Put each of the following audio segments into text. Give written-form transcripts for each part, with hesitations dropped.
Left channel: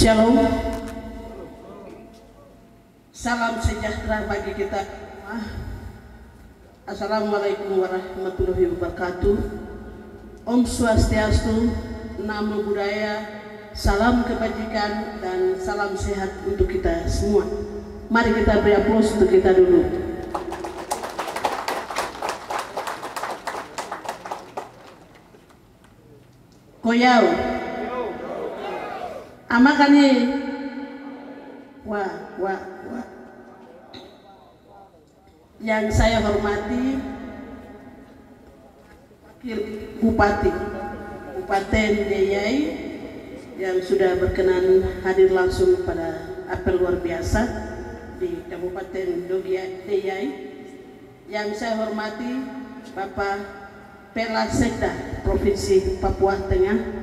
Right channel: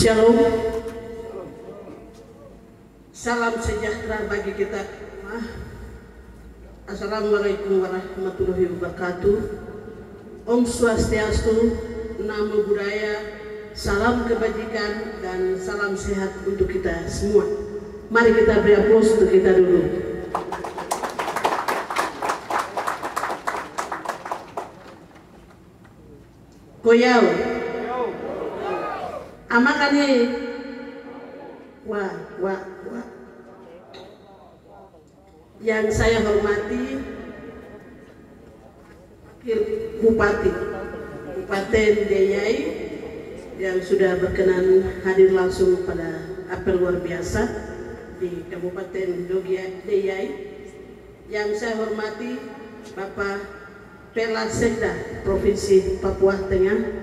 Shalom. Salam sejahtera bagi kita semua. Assalamualaikum warahmatullahi wabarakatuh. Om Swastiastu, Namo Buddhaya, salam kebajikan dan salam sehat untuk kita semua. Mari kita beri aplaus untuk kita dulu. Koyau amakani wah. Yang saya hormati Wakil Bupati Kabupaten Deyai yang sudah berkenan hadir langsung pada apel luar biasa di Kabupaten Deyai. Yang saya hormati Bapak Pela Sekda Provinsi Papua Tengah.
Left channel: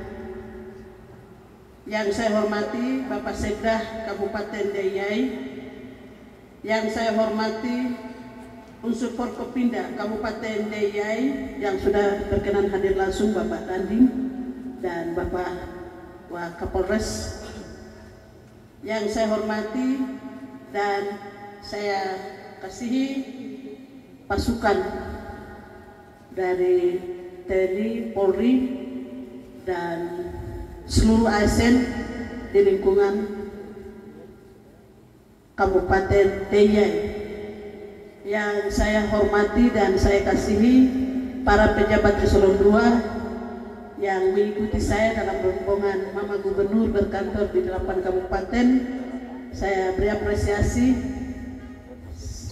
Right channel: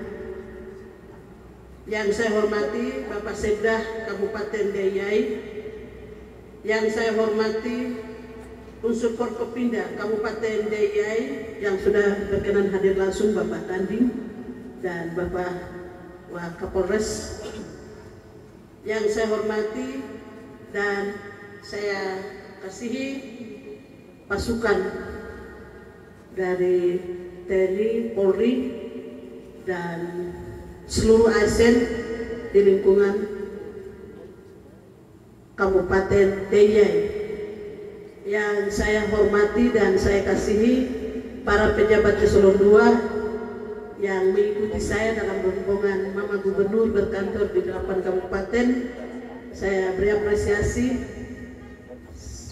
Yang saya hormati Bapak Sekda Kabupaten Deyai. Yang saya hormati unsur Forkopimda Kabupaten Deyai yang sudah berkenan hadir langsung Bapak Dandim dan Bapak Wakapolres. Yang saya hormati dan saya kasihi pasukan dari TNI, Polri dan seluruh ASN di lingkungan Kabupaten Deyai. Yang saya hormati dan saya kasihi para pejabat eselon 2 yang mengikuti saya dalam rombongan Mama Gubernur berkantor di 8 kabupaten. Saya beri apresiasi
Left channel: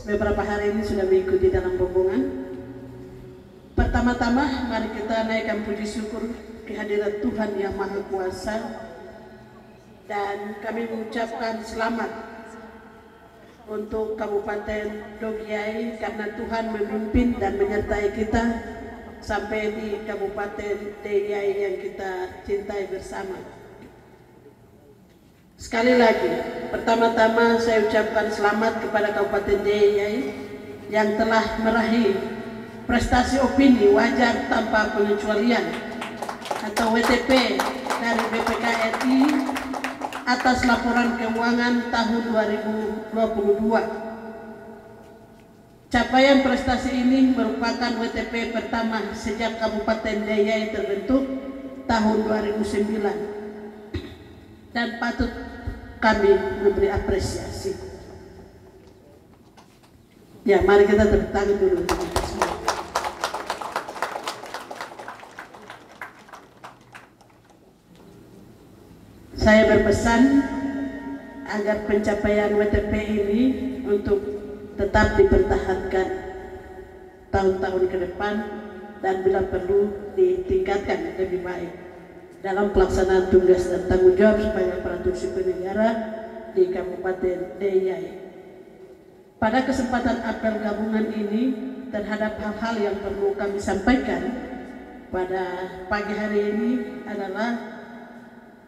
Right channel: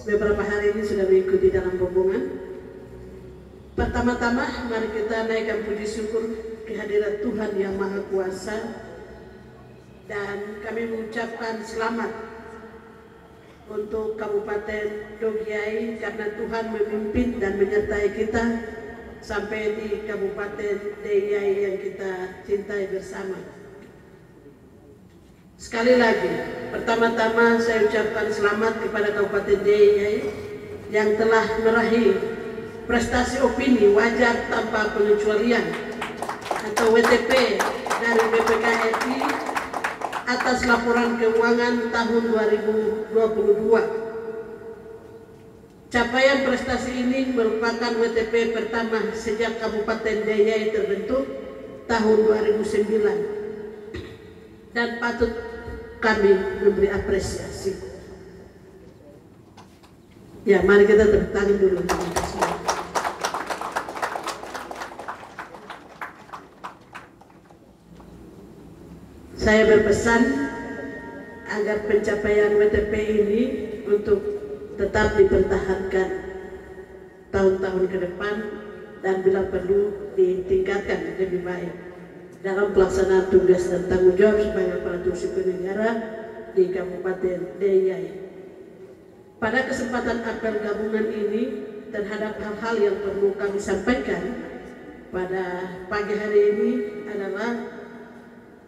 beberapa hari ini sudah mengikuti dalam rombongan. Pertama-tama mari kita naikkan puji syukur kehadiran Tuhan yang Maha Kuasa dan kami mengucapkan selamat untuk Kabupaten Dogiai karena Tuhan memimpin dan menyertai kita sampai di Kabupaten Deyai yang kita cintai bersama. Sekali lagi, pertama-tama saya ucapkan selamat kepada Kabupaten Deyai yang telah meraih prestasi opini wajar tanpa pengecualian atau WTP dari BPKRI atas laporan keuangan tahun 2022. Capaian prestasi ini merupakan WTP pertama sejak Kabupaten Deyai terbentuk tahun 2009 dan patut kami memberi apresiasi. Ya, mari kita tepuk tangan dulu. Saya berpesan agar pencapaian WTP ini untuk tetap dipertahankan tahun-tahun ke depan dan bila perlu ditingkatkan lebih baik dalam pelaksanaan tugas dan tanggung jawab sebagai aparatur sipil negara di Kabupaten Deyai. Pada kesempatan apel gabungan ini terhadap hal-hal yang perlu kami sampaikan pada pagi hari ini adalah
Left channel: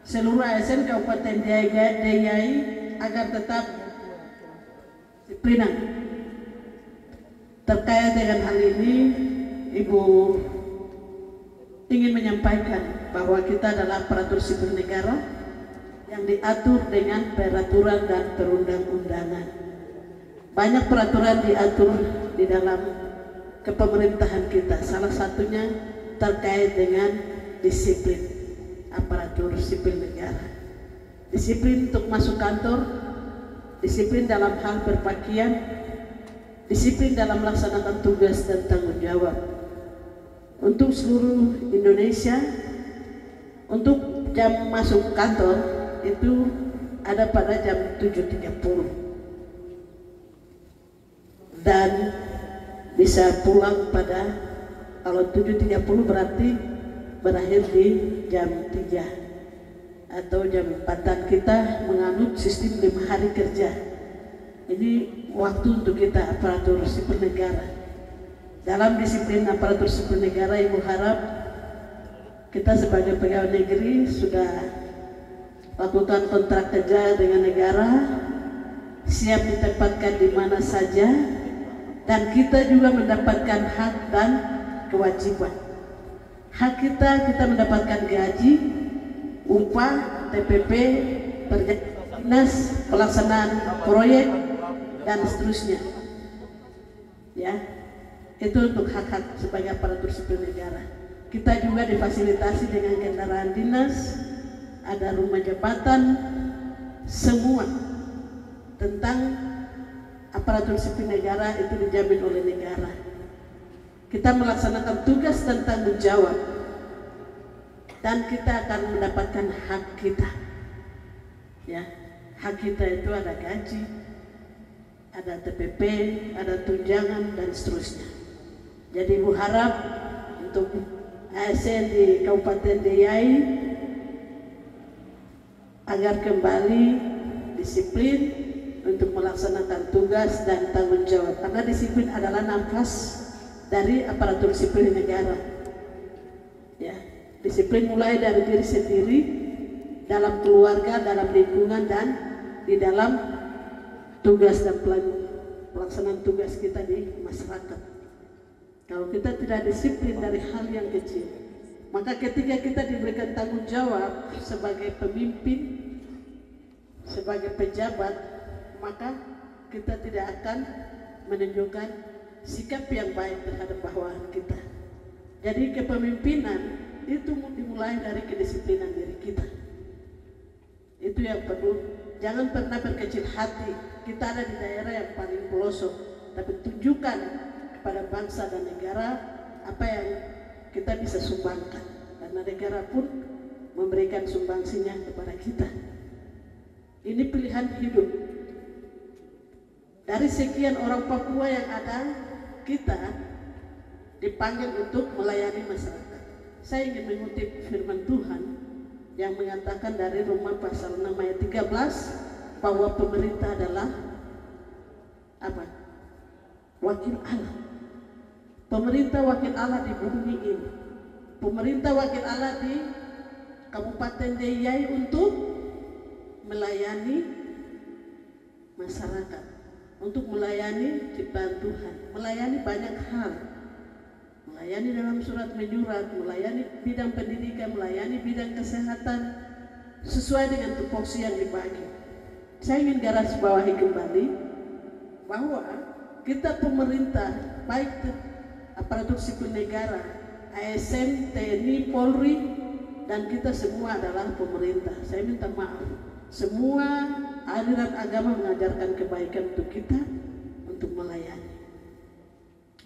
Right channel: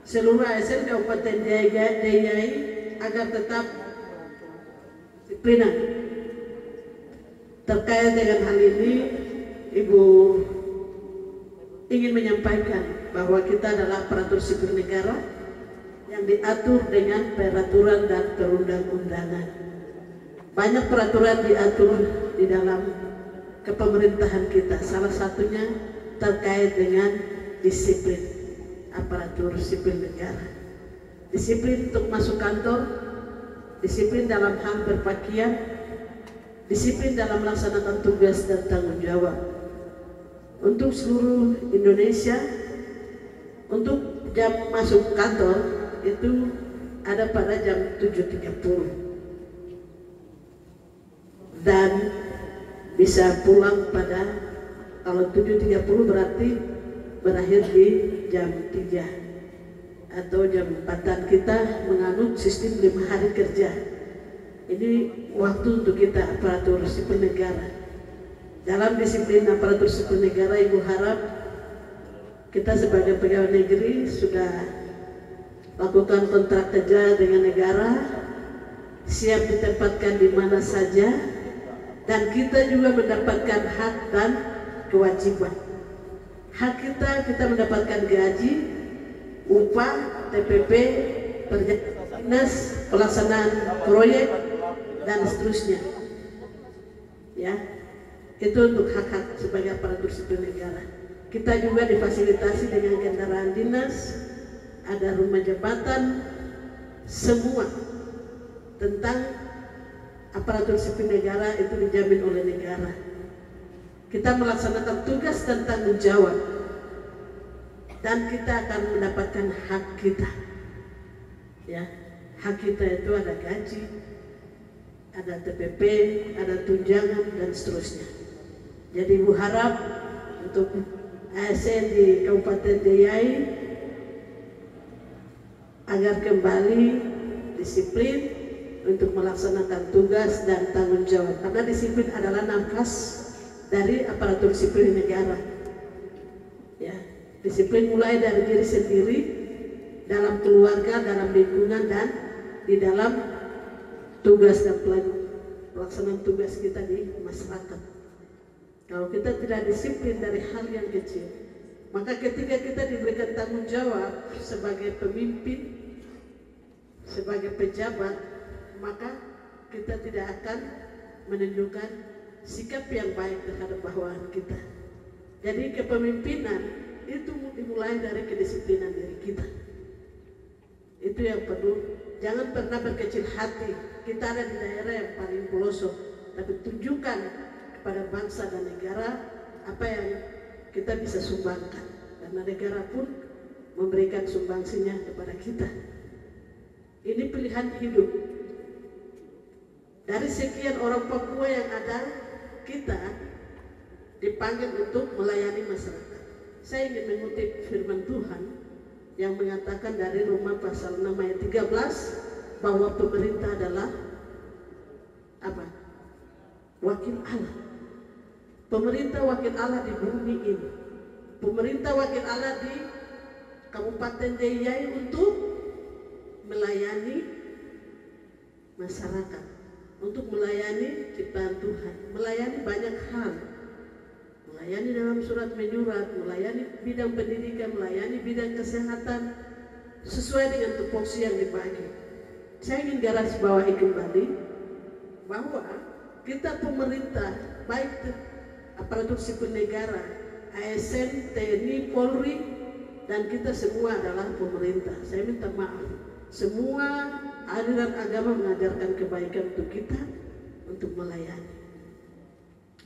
seluruh ASN Kabupaten Deyai agar tetap disiplinan. Terkait dengan hal ini, Ibu ingin menyampaikan bahwa kita adalah aparatur sipil negara yang diatur dengan peraturan dan perundang-undangan. Banyak peraturan diatur di dalam kepemerintahan kita, salah satunya terkait dengan disiplin aparatur sipil negara. Disiplin untuk masuk kantor, disiplin dalam hal berpakaian, disiplin dalam melaksanakan tugas dan tanggung jawab. Untuk seluruh Indonesia, untuk jam masuk kantor itu ada pada jam 7.30 dan bisa pulang pada, kalau 7.30 berarti berakhir di jam 3 atau jam 4-an. Kita menganut sistem 5 hari kerja. Ini waktu untuk kita aparatur sipil negara. Dalam disiplin aparatur sipil negara, Ibu harap kita sebagai pegawai negeri sudah lakukan kontrak kerja dengan negara, siap ditempatkan di mana saja, dan kita juga mendapatkan hak dan kewajiban. Hak kita mendapatkan gaji, upah, TPP, dinas, pelaksanaan proyek dan seterusnya. Ya, itu untuk hak-hak sebagai aparatur sipil negara. Kita juga difasilitasi dengan kendaraan dinas, ada rumah jabatan, semua tentang aparatur sipil negara itu dijamin oleh negara. Kita melaksanakan tugas dan tanggung jawab, dan kita akan mendapatkan hak kita. Ya, hak kita itu ada gaji, ada TPP, ada tunjangan dan seterusnya. Jadi Ibu harap untuk ASN di Kabupaten Deiyai agar kembali disiplin untuk melaksanakan tugas dan tanggung jawab, karena disiplin adalah nafas dari aparatur sipil negara. Ya, disiplin mulai dari diri sendiri, dalam keluarga, dalam lingkungan, dan di dalam tugas dan pelaksanaan tugas kita di masyarakat. Kalau kita tidak disiplin dari hal yang kecil, maka ketika kita diberikan tanggung jawab sebagai pemimpin, sebagai pejabat, maka kita tidak akan menunjukkan sikap yang baik terhadap bawahan kita. Jadi kepemimpinan itu dimulai dari kedisiplinan diri kita. Itu yang perlu. Jangan pernah berkecil hati. Kita ada di daerah yang paling pelosok, tapi tunjukkan kepada bangsa dan negara apa yang kita bisa sumbangkan, karena negara pun memberikan sumbangsinya kepada kita. Ini pilihan hidup. Dari sekian orang Papua yang ada, kita dipanggil untuk melayani masyarakat. Saya ingin mengutip firman Tuhan yang mengatakan dari Roma pasal 6 ayat 13 bahwa pemerintah adalah apa? Wakil Allah. Pemerintah wakil Allah di bumi ini. Pemerintah wakil Allah di Kabupaten Deiyai untuk melayani masyarakat, untuk melayani ciptaan Tuhan, melayani banyak hal, melayani dalam surat menyurat, melayani bidang pendidikan, melayani bidang kesehatan, sesuai dengan tupoksi yang dibagi. Saya ingin garis bawahi kembali bahwa kita pemerintah, baik aparatur sipil negara, ASN, TNI, Polri, dan kita semua adalah pemerintah. Saya minta maaf, semua aliran agama mengajarkan kebaikan untuk kita, untuk melayani.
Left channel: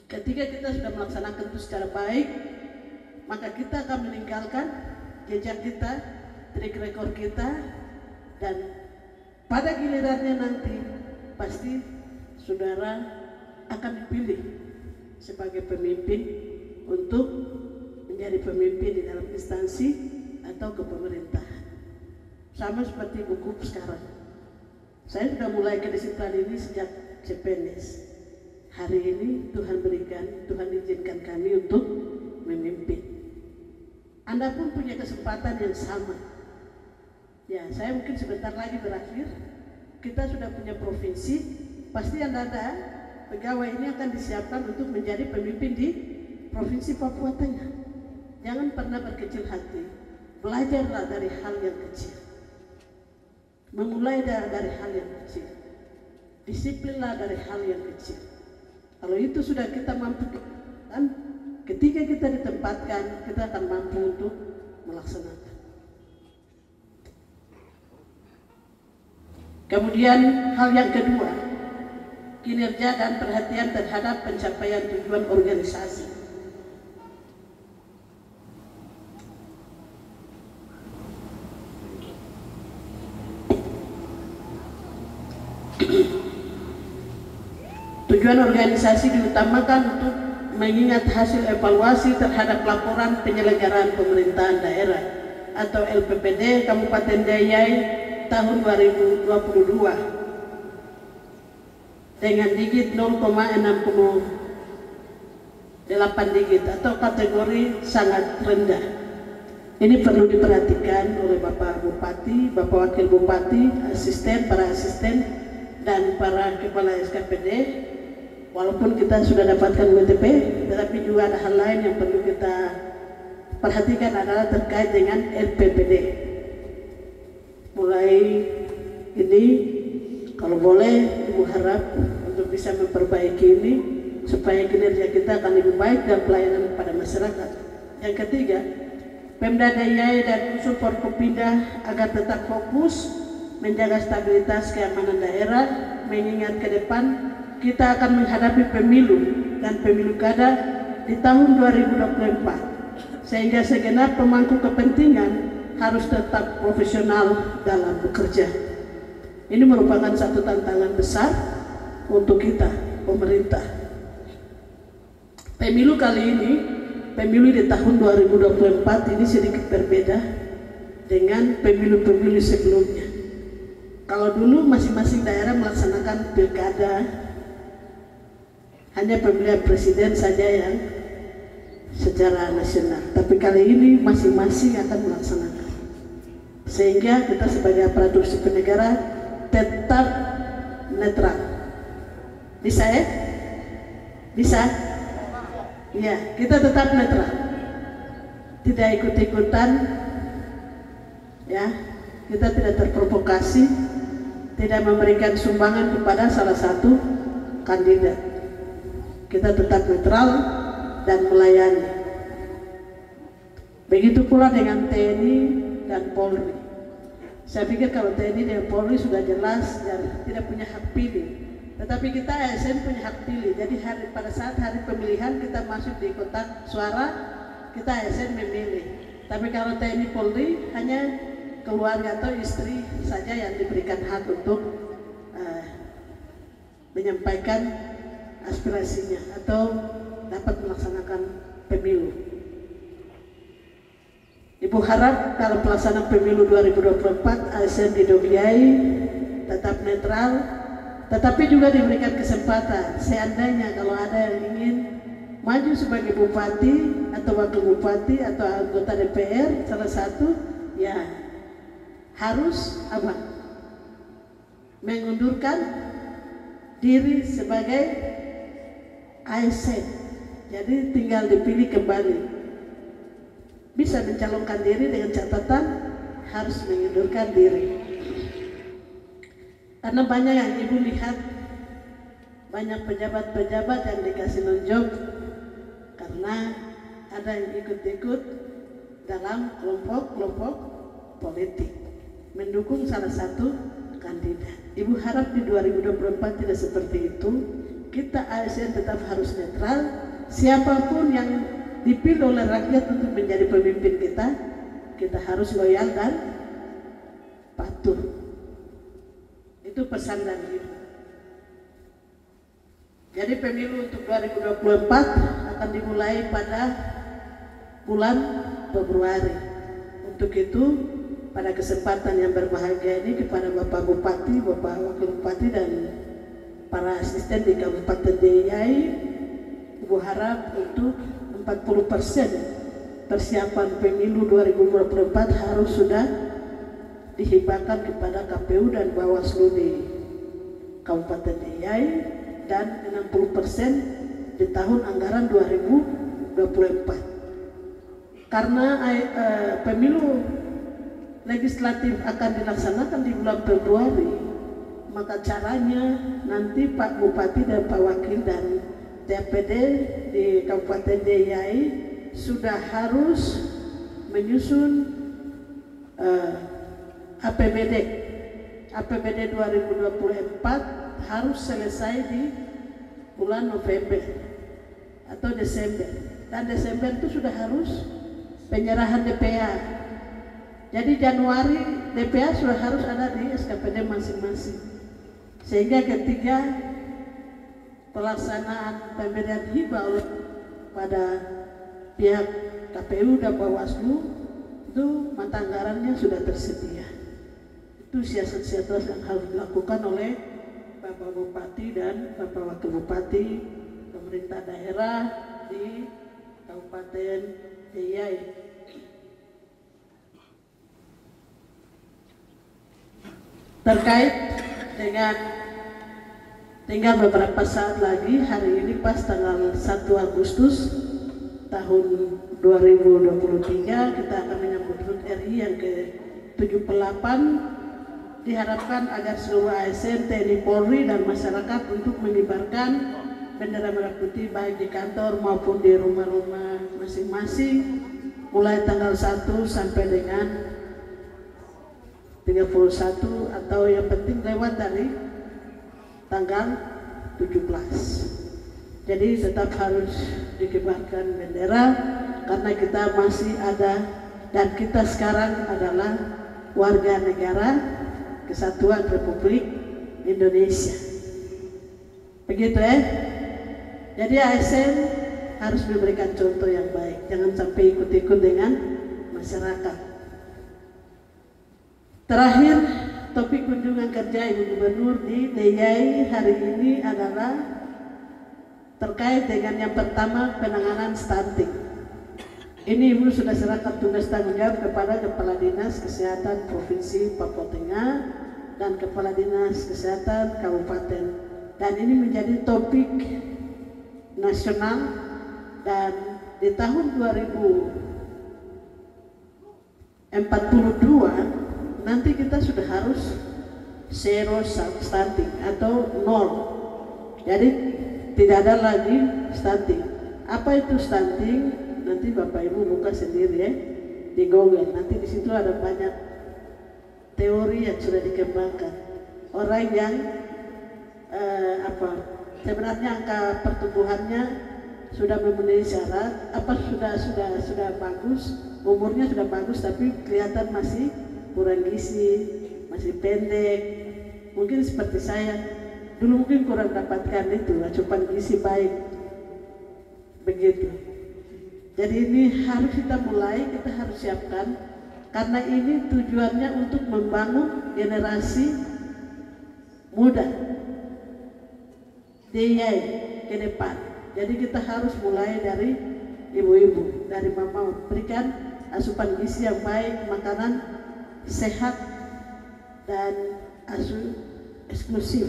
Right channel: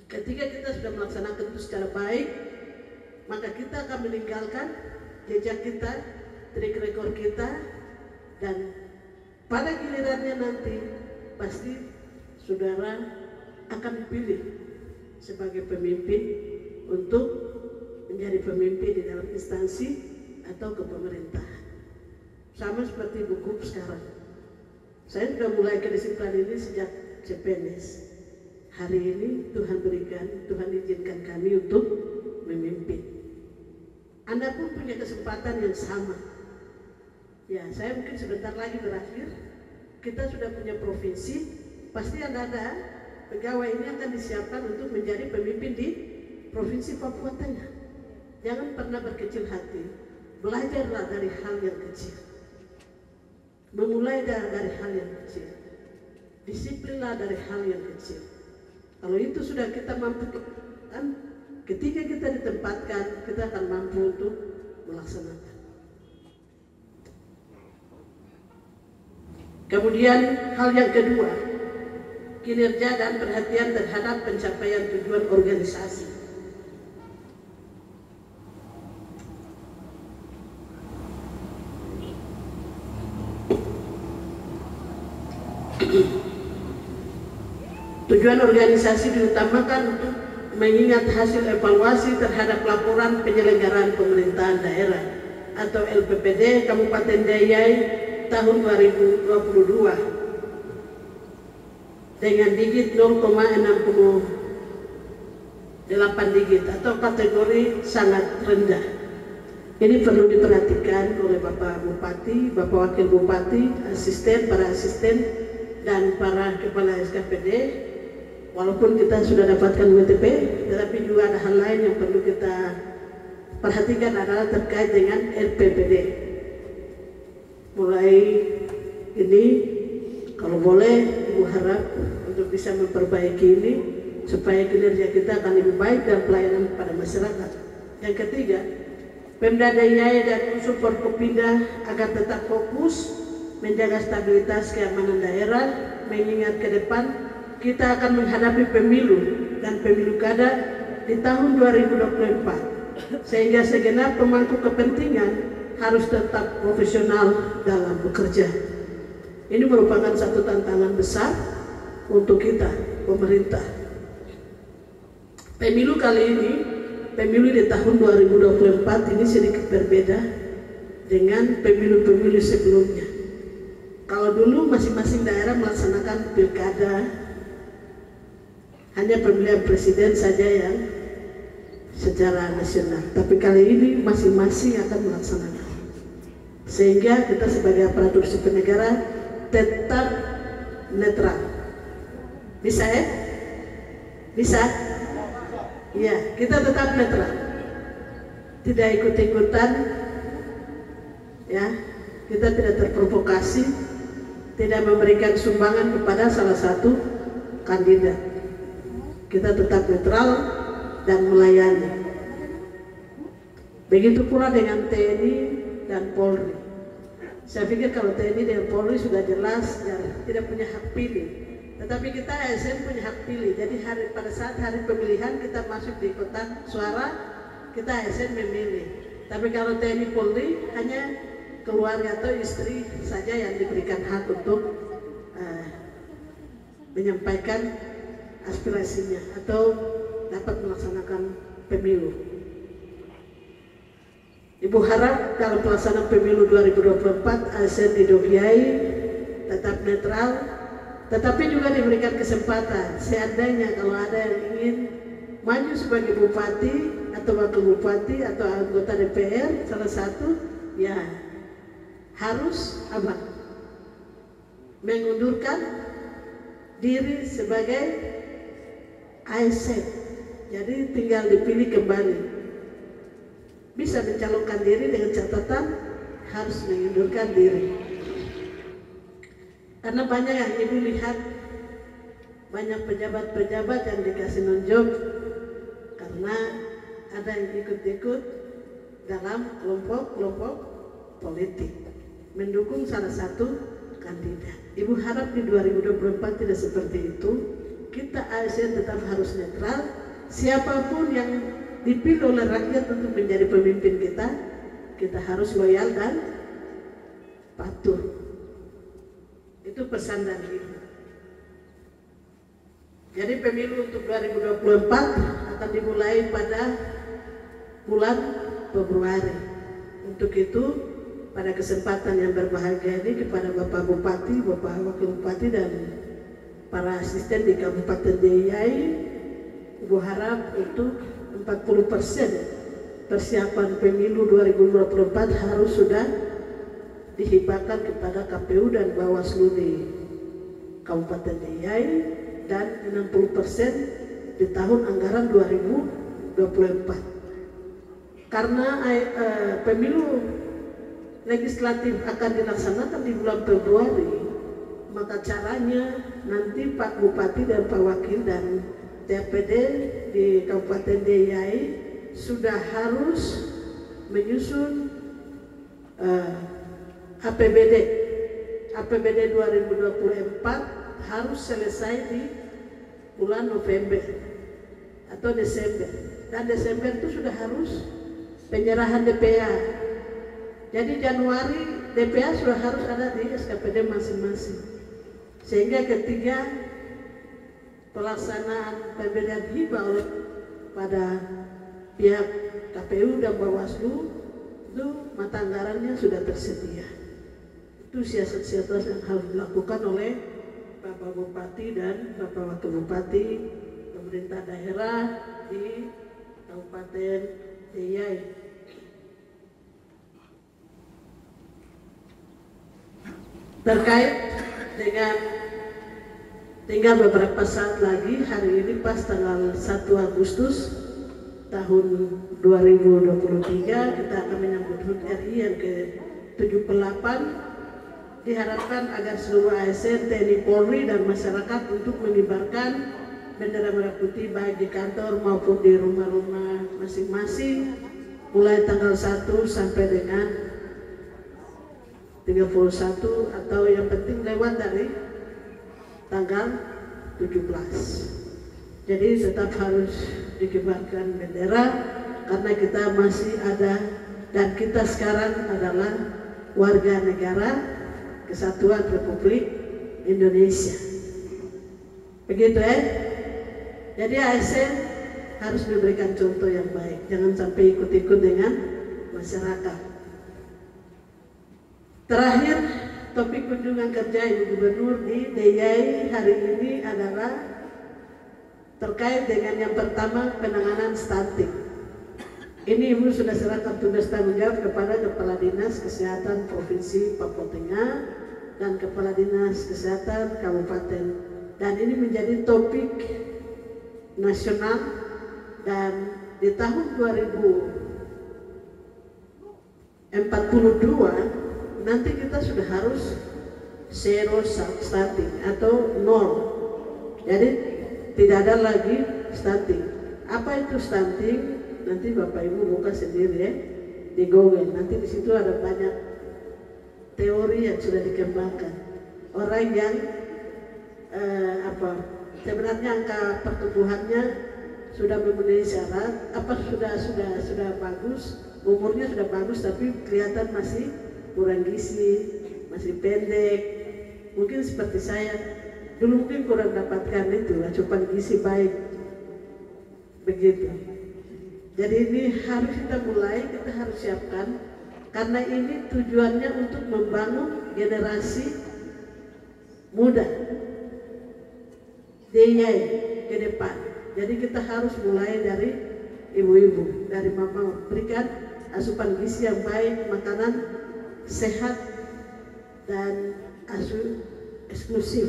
Ketika kita sudah melaksanakan itu secara baik, maka kita akan meninggalkan jejak kita, track record kita, dan pada gilirannya nanti pasti saudara akan dipilih sebagai pemimpin untuk menjadi pemimpin di dalam instansi atau kepemerintahan. Sama seperti buku sekarang. Saya sudah mulai kedisiplinan ini sejak CPNS. Hari ini Tuhan izinkan kami untuk memimpin. Anda pun punya kesempatan yang sama. Ya, saya mungkin sebentar lagi berakhir. Kita sudah punya provinsi, pasti Anda ada pegawai ini akan disiapkan untuk menjadi pemimpin di Provinsi Papua Tengah. Jangan pernah berkecil hati. Belajarlah dari hal yang kecil. Memulai dari hal yang kecil. Disiplinlah dari hal yang kecil. Kalau itu sudah kita mampu, ketika kita ditempatkan, kita akan mampu untuk melaksanakan. Kemudian hal yang kedua, kinerja dan perhatian terhadap pencapaian tujuan organisasi. Tujuan organisasi diutamakan untuk mengingat hasil evaluasi terhadap laporan penyelenggaraan pemerintahan daerah atau LPPD Kabupaten Deiyai tahun 2022 dengan digit 0,68 digit atau kategori sangat rendah. Ini perlu diperhatikan oleh Bapak Bupati, Bapak Wakil Bupati, asisten, para asisten, dan para kepala SKPD. Walaupun kita sudah dapatkan WTP, tetapi juga ada hal lain yang perlu kita perhatikan adalah terkait dengan LPPD. Mulai ini kalau boleh Ibu harap untuk bisa memperbaiki ini supaya kinerja kita akan lebih baik dan pelayanan pada masyarakat. Yang ketiga, Pemda DIY dan unsur Forkopimda agar tetap fokus menjaga stabilitas keamanan daerah, mengingat ke depan kita akan menghadapi pemilu dan pemilu kada di tahun 2024, sehingga segenap pemangku kepentingan harus tetap profesional dalam bekerja. Ini merupakan satu tantangan besar untuk kita, pemerintah. Pemilu kali ini, pemilu di tahun 2024 ini sedikit berbeda dengan pemilu-pemilu sebelumnya. Kalau dulu masing-masing daerah melaksanakan pilkada, hanya pemilihan presiden saja yang secara nasional. Tapi kali ini masing-masing akan melaksanakan. Sehingga kita sebagai aparatur sipil negara tetap netral. Bisa ya? Bisa? Iya, kita tetap netral. Tidak ikut-ikutan, ya. Kita tidak terprovokasi, tidak memberikan sumbangan kepada salah satu kandidat. Kita tetap netral dan melayani. Begitu pula dengan TNI dan Polri. Saya pikir kalau TNI dan Polri sudah jelas dan tidak punya hak pilih. Tetapi kita ASN punya hak pilih. Jadi pada saat hari pemilihan kita masuk di kotak suara, kita ASN memilih. Tapi kalau TNI Polri hanya keluarga atau istri saja yang diberikan hak untuk menyampaikan aspirasinya atau dapat melaksanakan pemilu. Ibu harap kalau pelaksanaan pemilu 2024 ASN di Dogiai tetap netral, tetapi juga diberikan kesempatan seandainya kalau ada yang ingin maju sebagai bupati atau wakil bupati atau anggota DPR salah satu, ya harus apa? Mengundurkan diri sebagai ASN. Jadi tinggal dipilih kembali. Bisa mencalonkan diri dengan catatan harus mengundurkan diri. Karena banyak yang ibu lihat, banyak pejabat-pejabat yang dikasih nonjob karena ada yang ikut-ikut dalam kelompok-kelompok politik mendukung salah satu kandidat. Ibu harap di 2024 tidak seperti itu. Kita ASN tetap harus netral. Siapapun yang dipilih oleh rakyat untuk menjadi pemimpin kita, kita harus loyal dan patuh. Itu pesan dari Ibu. Jadi pemilu untuk 2024 akan dimulai pada bulan Februari. Untuk itu, pada kesempatan yang berbahagia ini kepada Bapak Bupati, Bapak Wakil Bupati dan para asisten di Kabupaten DIY, Ibu harap untuk 40% persiapan pemilu 2024 harus sudah dihibahkan kepada KPU dan Bawaslu di Kabupaten DIY dan 60% di tahun anggaran 2024. Karena pemilu legislatif akan dilaksanakan di bulan Februari, maka caranya nanti Pak Bupati dan Pak Wakil dan TPD di Kabupaten DIY sudah harus menyusun APBD 2024 harus selesai di bulan November atau Desember, dan Desember itu sudah harus penyerahan DPA. Jadi Januari DPA sudah harus ada di SKPD masing-masing, sehingga ketika pelaksanaan pemberian hibah oleh pada pihak KPU dan Bawaslu itu mata anggarannya sudah tersedia. Itu siasat-siasat yang harus dilakukan oleh Bapak Bupati dan Bapak Wakil Bupati, pemerintah daerah di Kabupaten DIY. Terkait dengan tinggal beberapa saat lagi, hari ini pas tanggal 1 Agustus tahun 2023 kita akan menyambut HUT RI yang ke-78 diharapkan agar seluruh ASN, TNI, Polri, dan masyarakat untuk mengibarkan bendera merah putih baik di kantor maupun di rumah-rumah masing-masing mulai tanggal 1 sampai dengan 31 atau yang penting lewat dari tanggal 17. Jadi tetap harus dikibarkan bendera karena kita masih ada dan kita sekarang adalah warga negara Kesatuan Republik Indonesia. Begitu ya. Jadi ASN harus diberikan contoh yang baik, jangan sampai ikut-ikut dengan masyarakat. Terakhir, topik kunjungan kerja Ibu Gubernur di DIY hari ini adalah terkait dengan yang pertama, penanganan stunting. Ini Ibu sudah serahkan tugas tanggung jawab kepada Kepala Dinas Kesehatan Provinsi Papua Tengah dan Kepala Dinas Kesehatan Kabupaten. Dan ini menjadi topik nasional dan di tahun 2042 nanti kita sudah harus zero stunting atau nol. Jadi tidak ada lagi stunting. Apa itu stunting? Nanti Bapak Ibu buka sendiri ya di Google. Nanti di situ ada banyak teori yang sudah dikembangkan. Orang yang sebenarnya angka pertumbuhannya sudah memenuhi syarat, sudah bagus, umurnya sudah bagus, tapi kelihatan masih kurang gizi, masih pendek. Mungkin seperti saya dulu mungkin kurang dapatkan itu asupan gizi baik, begitu. Jadi ini harus kita mulai, kita harus siapkan karena ini tujuannya untuk membangun generasi muda DIY ke depan. Jadi kita harus mulai dari ibu-ibu, dari mama, berikan asupan gizi yang baik, makanan sehat dan asuh eksklusif.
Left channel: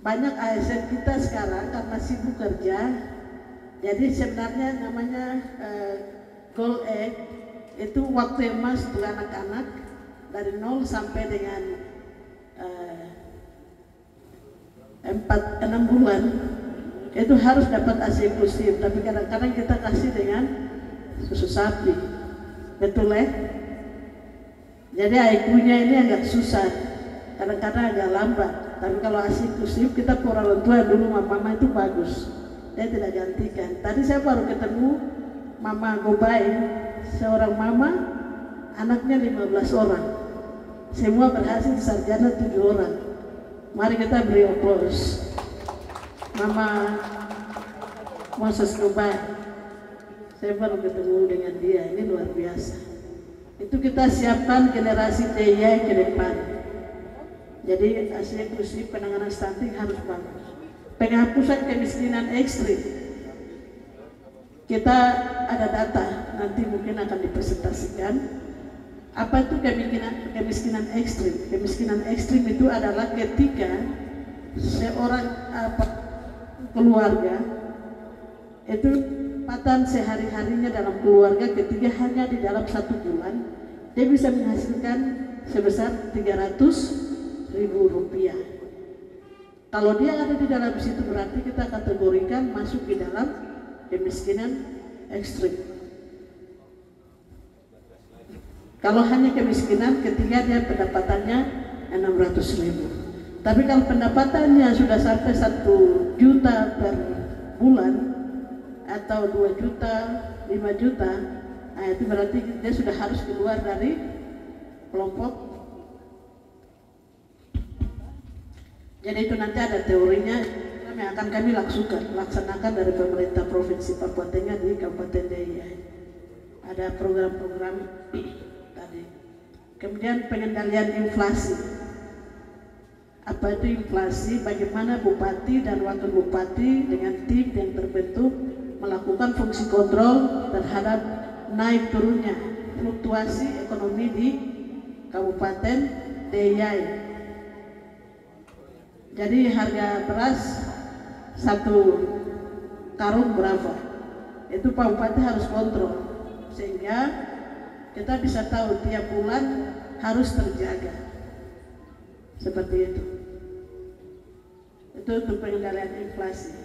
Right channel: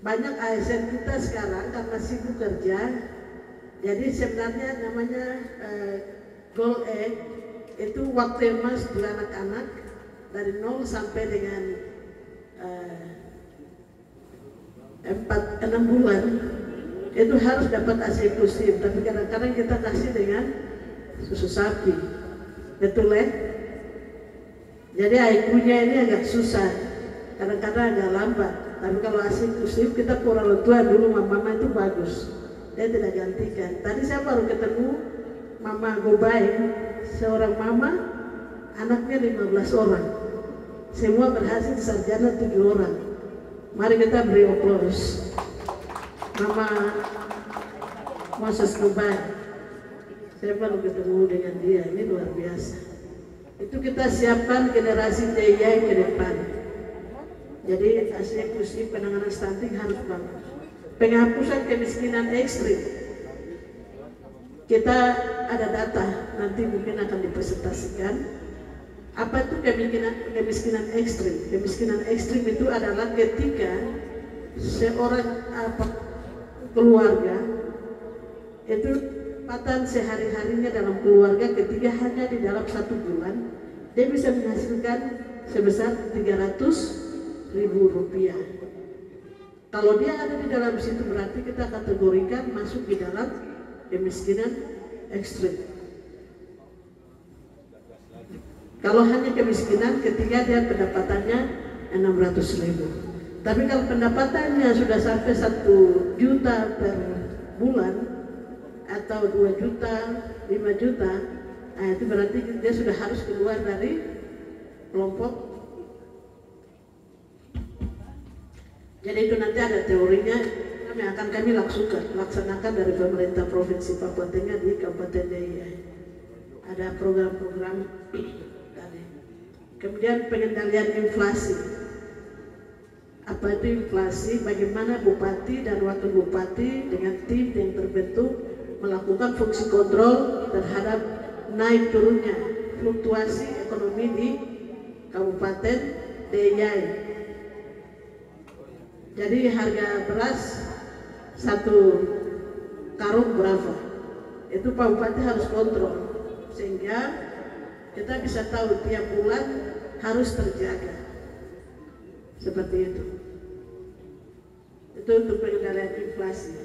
Banyak ASN kita sekarang karena sibuk kerja, jadi sebenarnya namanya Goal Egg itu waktu emas untuk anak-anak dari 0 sampai dengan 6 bulan itu harus dapat ASI eksklusif, tapi kadang-kadang kita kasih dengan susu sapi, betul ya? Jadi IQ-nya ini agak susah, kadang-kadang agak lambat. Tapi kalau ASI eksklusif kita orang tua dulu mama itu bagus, dia tidak gantikan. Tadi saya baru ketemu Mama Gobay, seorang mama, anaknya 15 orang, semua berhasil sarjana 7 orang. Mari kita beri aplaus Mama Moses Gobay. Saya baru ketemu dengan dia, ini luar biasa. Itu kita siapkan generasi DIY ke depan. Jadi ASI eksklusif penanganan stunting harus bagus. Penghapusan kemiskinan ekstrim. Kita ada data, nanti mungkin akan dipresentasikan. Apa itu kemiskinan ekstrim? Kemiskinan ekstrim itu adalah ketika seorang keluarga itu pendapatan sehari-harinya dalam keluarga ketika hanya di dalam 1 bulan dia bisa menghasilkan sebesar 300.000 rupiah. Kalau dia ada di dalam situ berarti kita kategorikan masuk di dalam kemiskinan ekstrim. Kalau hanya kemiskinan ketika dia pendapatannya 600.000. Tapi kalau pendapatannya sudah sampai 1 juta per bulan atau 2 juta, 5 juta, nah itu berarti dia sudah harus keluar dari kelompok. Jadi itu nanti ada teorinya yang akan kami laksanakan dari pemerintah Provinsi Papua Tengah di Kabupaten DIY. Ada program-program tadi. Kemudian pengendalian inflasi. Apa itu inflasi? Bagaimana bupati dan wakil bupati dengan tim yang terbentuk melakukan fungsi kontrol terhadap naik turunnya fluktuasi ekonomi di Kabupaten DIY. Jadi harga beras 1 karung berapa? Itu Pak Bupati harus kontrol sehingga kita bisa tahu tiap bulan harus terjaga. seperti itu. Itu untuk pengendalian inflasi.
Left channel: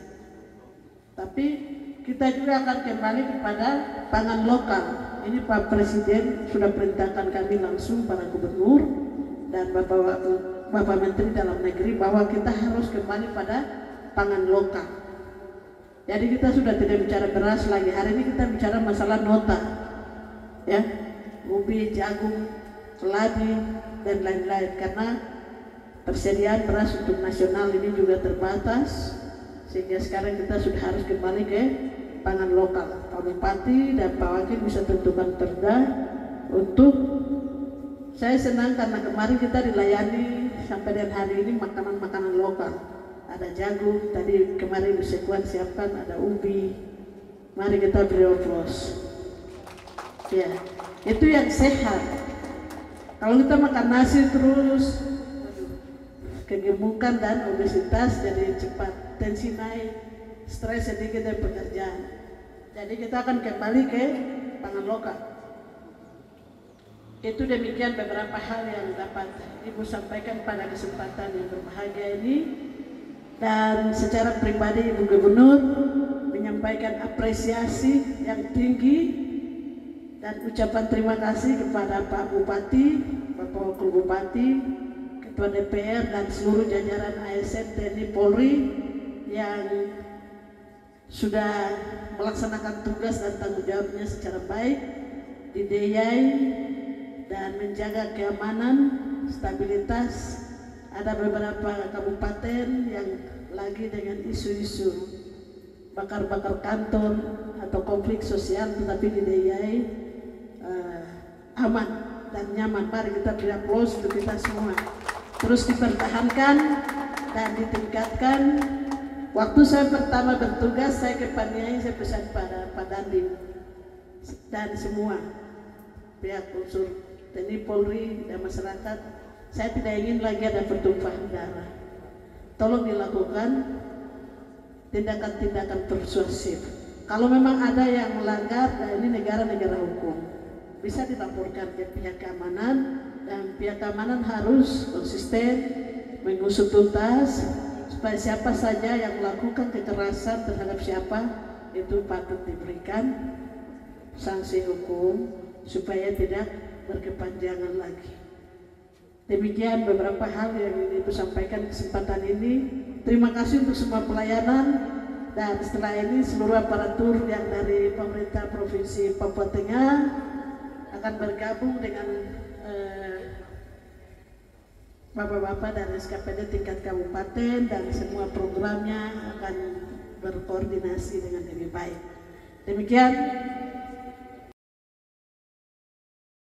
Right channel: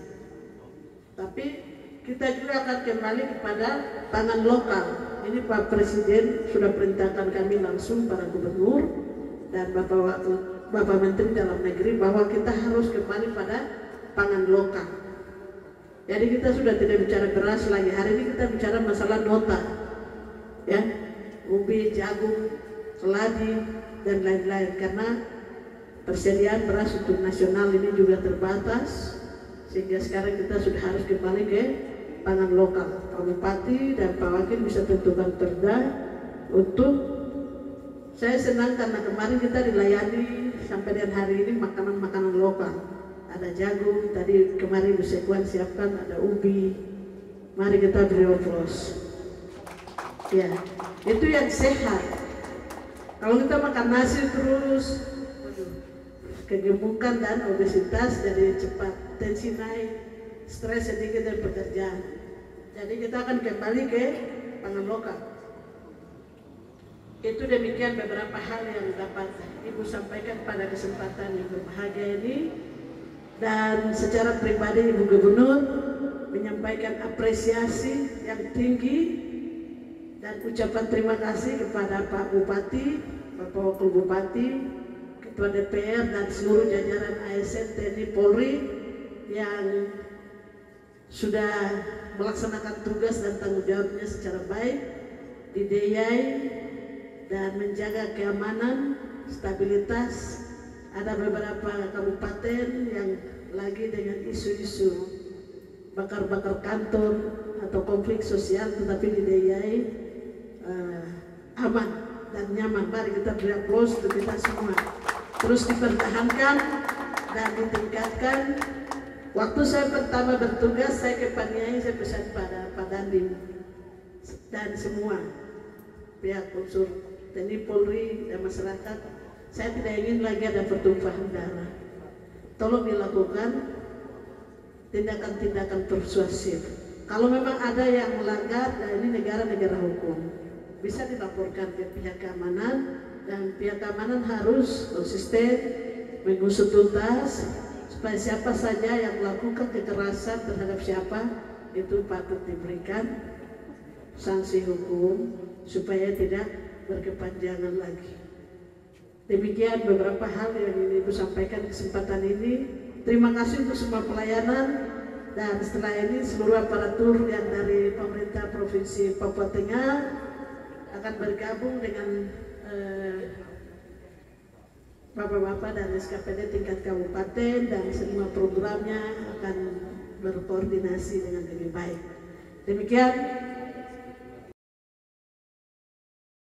Tapi kita juga akan kembali kepada pangan lokal. Ini Pak Presiden sudah perintahkan kami langsung para gubernur dan Bapak Menteri Dalam Negeri bahwa kita harus kembali pada pangan lokal. Jadi kita sudah tidak bicara beras lagi. Hari ini kita bicara masalah nota, ya, ubi, jagung, keladi dan lain-lain. Karena persediaan beras untuk nasional ini juga terbatas, sehingga sekarang kita sudah harus kembali ke pangan lokal. Pak Bupati dan Pak Wakil bisa tentukan perda untuk, saya senang karena kemarin kita dilayani sampai dengan hari ini makanan-makanan lokal. Ada jagung, tadi kemarin Bu Sekwan siapkan, ada ubi. Mari kita beri oplos. Ya, itu yang sehat. Kalau kita makan nasi terus, kegemukan dan obesitas, jadi cepat tensi naik, stres sedikit dari pekerjaan. Jadi kita akan kembali ke pangan lokal. Itu demikian beberapa hal yang dapat Ibu sampaikan pada kesempatan yang berbahagia ini. Dan secara pribadi Ibu Gubernur menyampaikan apresiasi yang tinggi dan ucapan terima kasih kepada Pak Bupati, Bapak Wakil Bupati, Ketua DPR dan seluruh jajaran ASN TNI Polri yang sudah melaksanakan tugas dan tanggung jawabnya secara baik di DIY dan menjaga keamanan, stabilitas. Ada beberapa kabupaten yang lagi dengan isu-isu bakar-bakar kantor atau konflik sosial, tetapi di DIY aman dan nyaman. Mari kita beri aplaus untuk kita semua. Terus dipertahankan dan ditingkatkan. Waktu saya pertama bertugas, saya ke Paniai, saya pesan pada Pak Dandim dan semua pihak unsur TNI Polri dan masyarakat, saya tidak ingin lagi ada pertumpahan darah. Tolong dilakukan tindakan-tindakan persuasif. Kalau memang ada yang melanggar, nah ini negara-negara hukum, bisa dilaporkan ke pihak keamanan, dan pihak keamanan harus konsisten mengusut tuntas supaya siapa saja yang melakukan kekerasan terhadap siapa itu patut diberikan sanksi hukum supaya tidak berkepanjangan lagi. Demikian beberapa hal yang ingin Ibu sampaikan kesempatan ini. Terima kasih untuk semua pelayanan, dan setelah ini seluruh aparatur yang dari pemerintah Provinsi Papua Tengah akan bergabung dengan Bapak-bapak dari SKPD tingkat kabupaten, dan semua programnya akan berkoordinasi dengan lebih baik. Demikian.